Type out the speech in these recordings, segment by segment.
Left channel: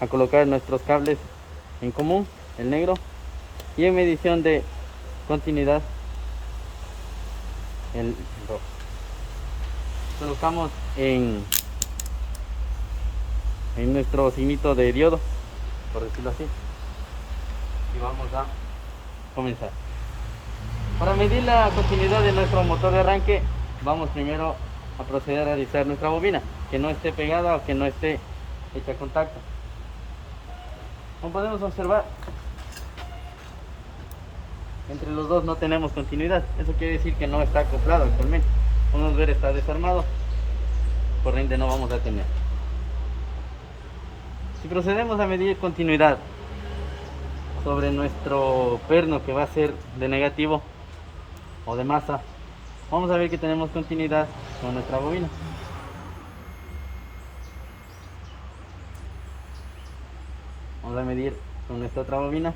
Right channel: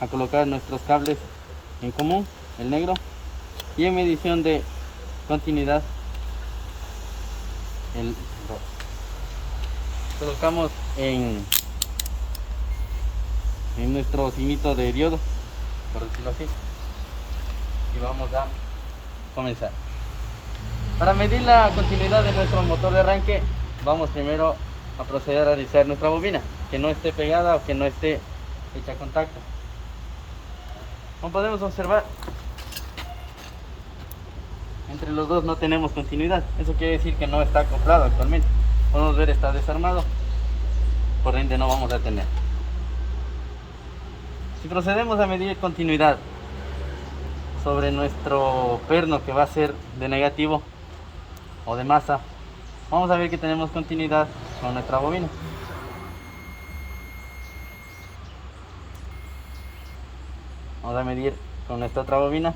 a colocar nuestros cables en común, el negro, y en medición de continuidad el rojo. Colocamos en nuestro signito de diodo, por decirlo así, y vamos a comenzar. Para medir la continuidad de nuestro motor de arranque, vamos primero a proceder a revisar nuestra bobina, que no esté pegada o que no esté hecha contacto. Como podemos observar, entre los dos no tenemos continuidad. Eso quiere decir que no está acoplado actualmente. Podemos ver, está desarmado, por ende no vamos a tener. Si procedemos a medir continuidad sobre nuestro perno, que va a ser de negativo o de masa, vamos a ver que tenemos continuidad con nuestra bobina. Vamos a medir con nuestra otra bobina.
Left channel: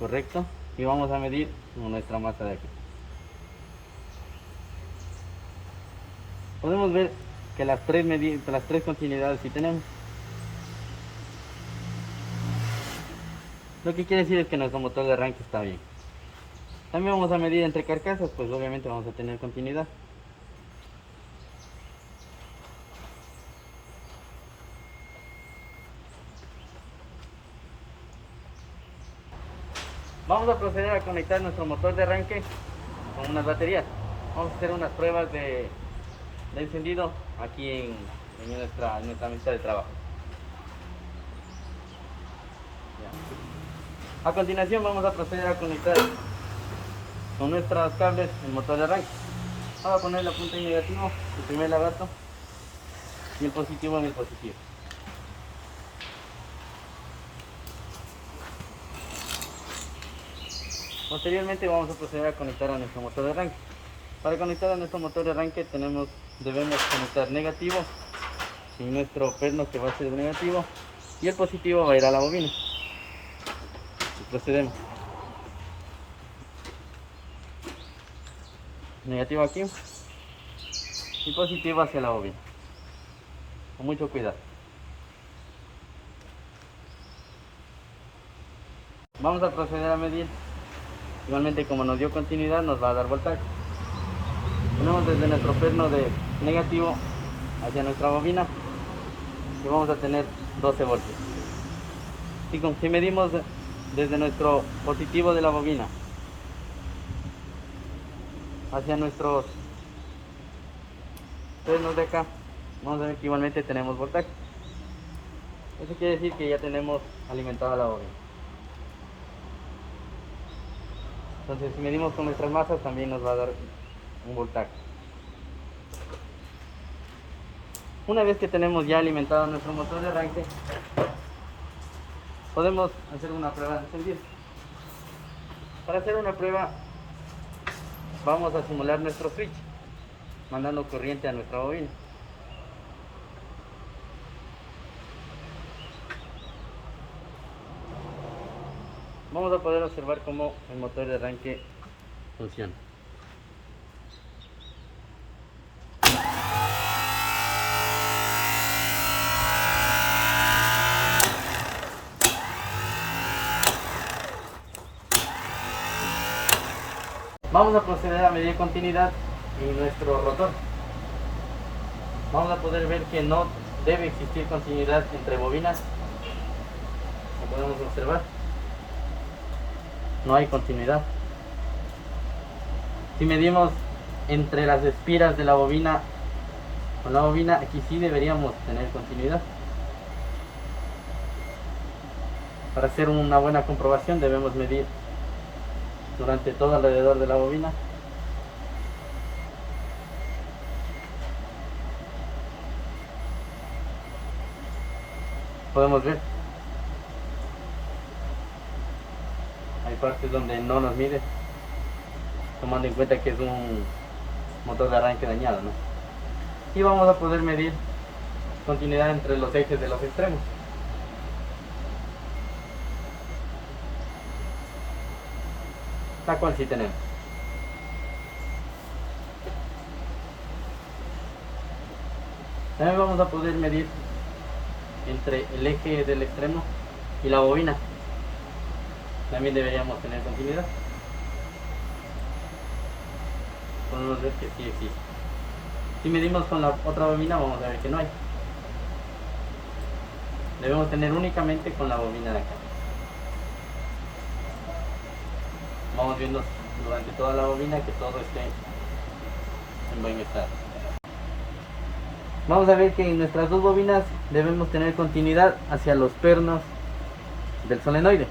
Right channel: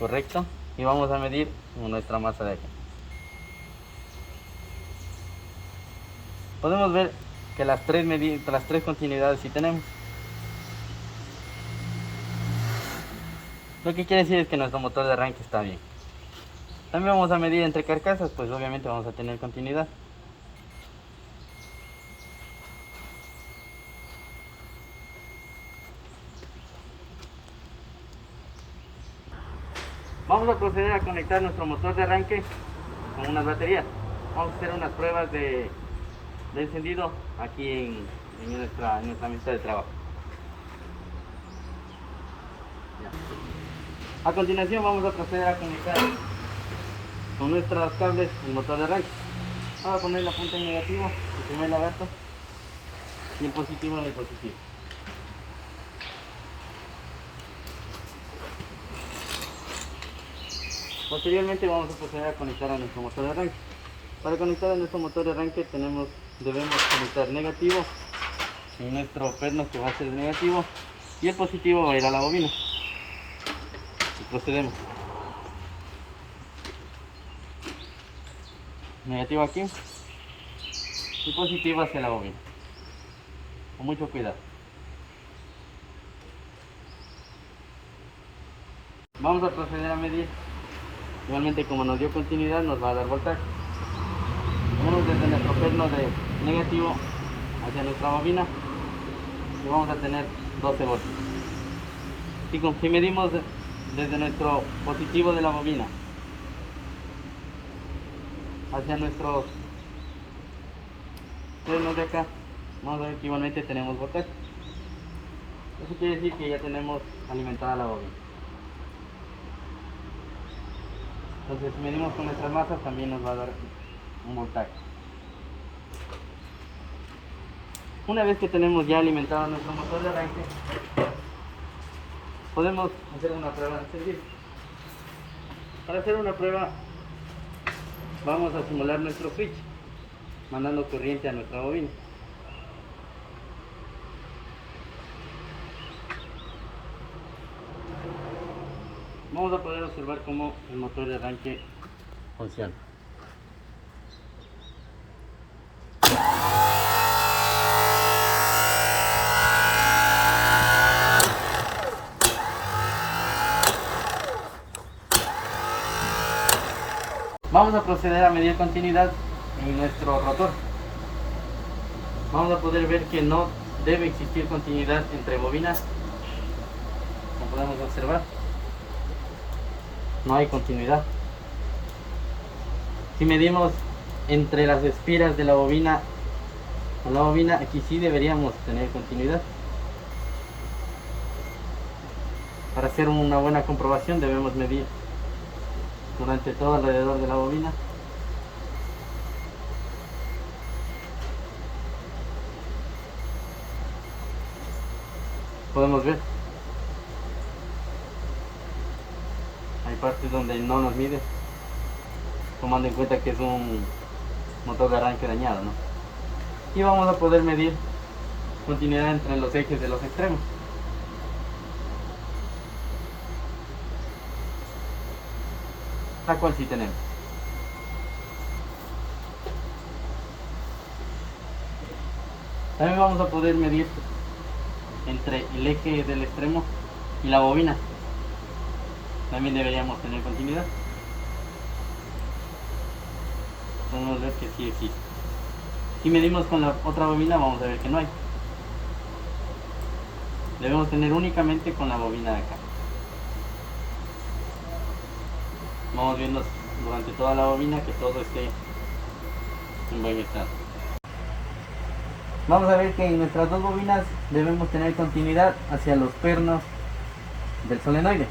Correcto. Y vamos a medir con nuestra masa de aquí. Podemos ver que las tres continuidades sí tenemos. Lo que quiere decir es que nuestro motor de arranque está bien. También vamos a medir entre carcasas, pues obviamente vamos a tener continuidad. Vamos a proceder a conectar nuestro motor de arranque con unas baterías. Vamos a hacer unas pruebas de encendido aquí en nuestra mesa de trabajo. Ya. A continuación vamos a proceder a conectar con nuestros cables el motor de arranque. Vamos a poner la punta en negativo, el primer lagarto, y el positivo en el positivo. Posteriormente vamos a proceder a conectar a nuestro motor de arranque. Para conectar a nuestro motor de arranque debemos conectar negativo en nuestro perno, que va a ser de negativo, y el positivo va a ir a la bobina. Y procedemos. Negativo aquí y positivo hacia la bobina. Con mucho cuidado. Vamos a proceder a medir. Igualmente, como nos dio continuidad, nos va a dar voltaje. Ponemos desde nuestro perno de negativo hacia nuestra bobina y vamos a tener 12 voltios. Si medimos desde nuestro positivo de la bobina hacia nuestros pernos de acá, vamos a ver que igualmente tenemos voltaje. Eso quiere decir que ya tenemos alimentada la bobina. Entonces, si medimos con nuestras masas, también nos va a dar un voltaje. Una vez que tenemos ya alimentado nuestro motor de arranque, podemos hacer una prueba de encendido. Para hacer una prueba, vamos a simular nuestro switch, mandando corriente a nuestra bobina. Vamos a poder observar cómo el motor de arranque funciona. Vamos a proceder a medir continuidad en nuestro rotor. Vamos a poder ver que no debe existir continuidad entre bobinas. Como podemos observar, no hay continuidad. Si medimos entre las espiras de la bobina con la bobina, aquí sí deberíamos tener continuidad. Para hacer una buena comprobación debemos medir durante todo alrededor de la bobina. Podemos ver, hay partes donde no nos mide, tomando en cuenta que es un motor de arranque dañado, ¿no? Y vamos a poder medir continuidad entre los ejes de los extremos. La cual sí tenemos. También vamos a poder medir entre el eje del extremo y la bobina. También deberíamos tener continuidad. Podemos ver que sí existe. Si medimos con la otra bobina, vamos a ver que no hay. Debemos tener únicamente con la bobina de acá. Vamos viendo durante toda la bobina que todo esté en buen estado. Vamos a ver que en nuestras dos bobinas debemos tener continuidad hacia los pernos del solenoide.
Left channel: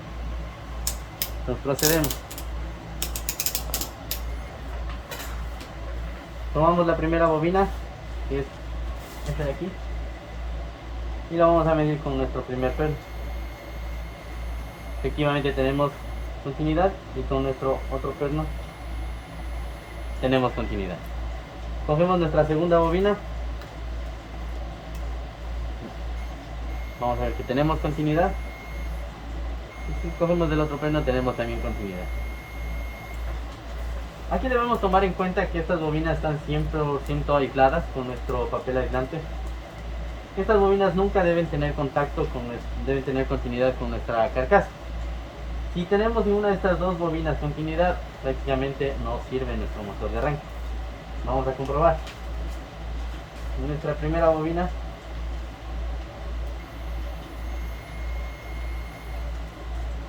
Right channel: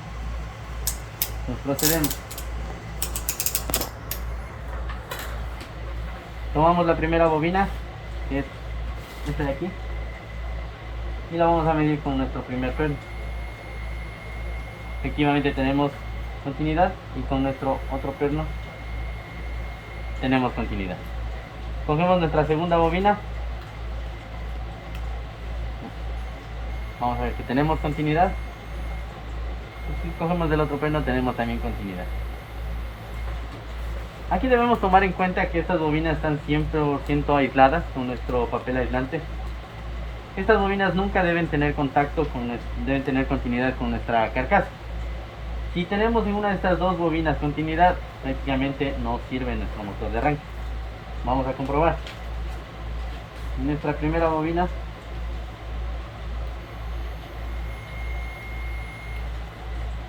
Nos procedemos. Tomamos la primera bobina, que es esta de aquí, y la vamos a medir con nuestro primer perno. Efectivamente tenemos continuidad y con nuestro otro perno tenemos continuidad. Cogemos nuestra segunda bobina. Vamos a ver que tenemos continuidad. Y si cogemos del otro perno tenemos también continuidad. Aquí debemos tomar en cuenta que estas bobinas están 100% aisladas con nuestro papel aislante. Estas bobinas nunca deben tener contacto deben tener continuidad con nuestra carcasa. Si tenemos en una de estas dos bobinas continuidad, prácticamente no sirve nuestro motor de arranque. Vamos a comprobar. En nuestra primera bobina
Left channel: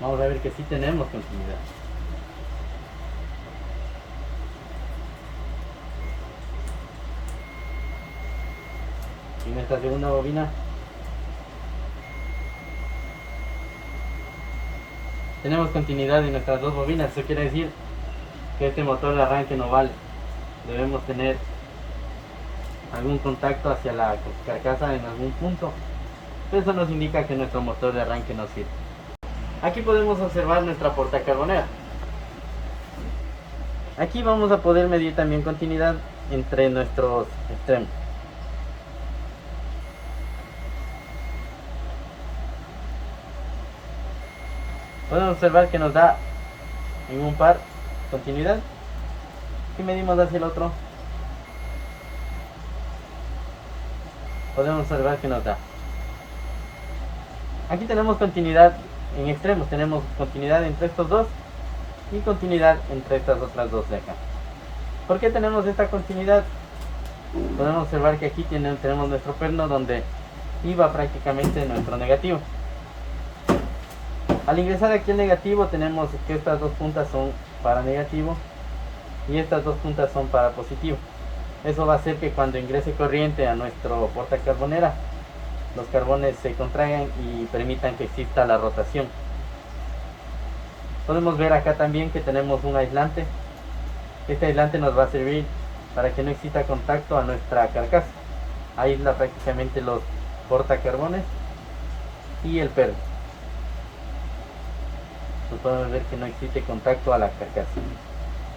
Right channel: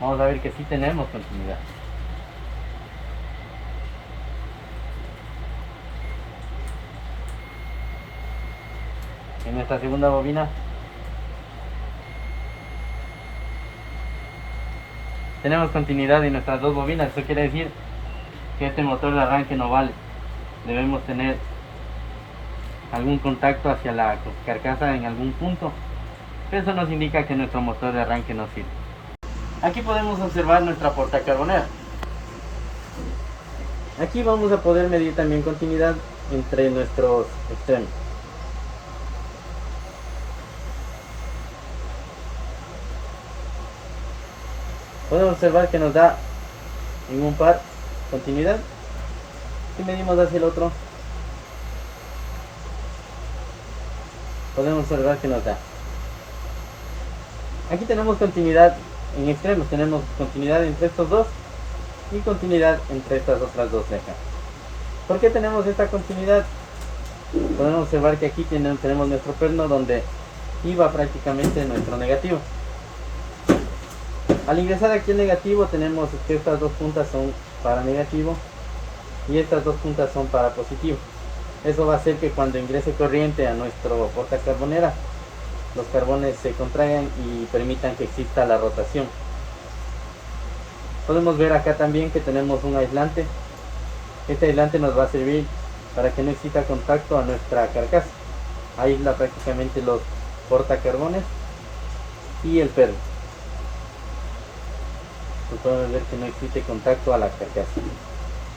vamos a ver que sí tenemos continuidad. En nuestra segunda bobina tenemos continuidad en nuestras dos bobinas. Eso quiere decir que este motor de arranque no vale. Debemos tener algún contacto hacia la carcasa en algún punto. Eso nos indica que nuestro motor de arranque no sirve. Aquí podemos observar nuestra portacarbonera. Aquí vamos a poder medir también continuidad entre nuestros extremos. Podemos observar que nos da en un par continuidad. Si medimos hacia el otro, podemos observar que nos da. Aquí tenemos continuidad en extremos, tenemos continuidad entre estos dos y continuidad entre estas otras dos cejas. ¿Por qué tenemos esta continuidad? Podemos observar que aquí tenemos nuestro perno donde iba prácticamente nuestro negativo. Al ingresar aquí el negativo tenemos que estas dos puntas son para negativo y estas dos puntas son para positivo. Eso va a hacer que cuando ingrese corriente a nuestro portacarbonera, los carbones se contraigan y permitan que exista la rotación. Podemos ver acá también que tenemos un aislante. Este aislante nos va a servir para que no exista contacto a nuestra carcasa. Aísla prácticamente los portacarbones y el perno. Pues podemos ver que no existe contacto a la carcasa.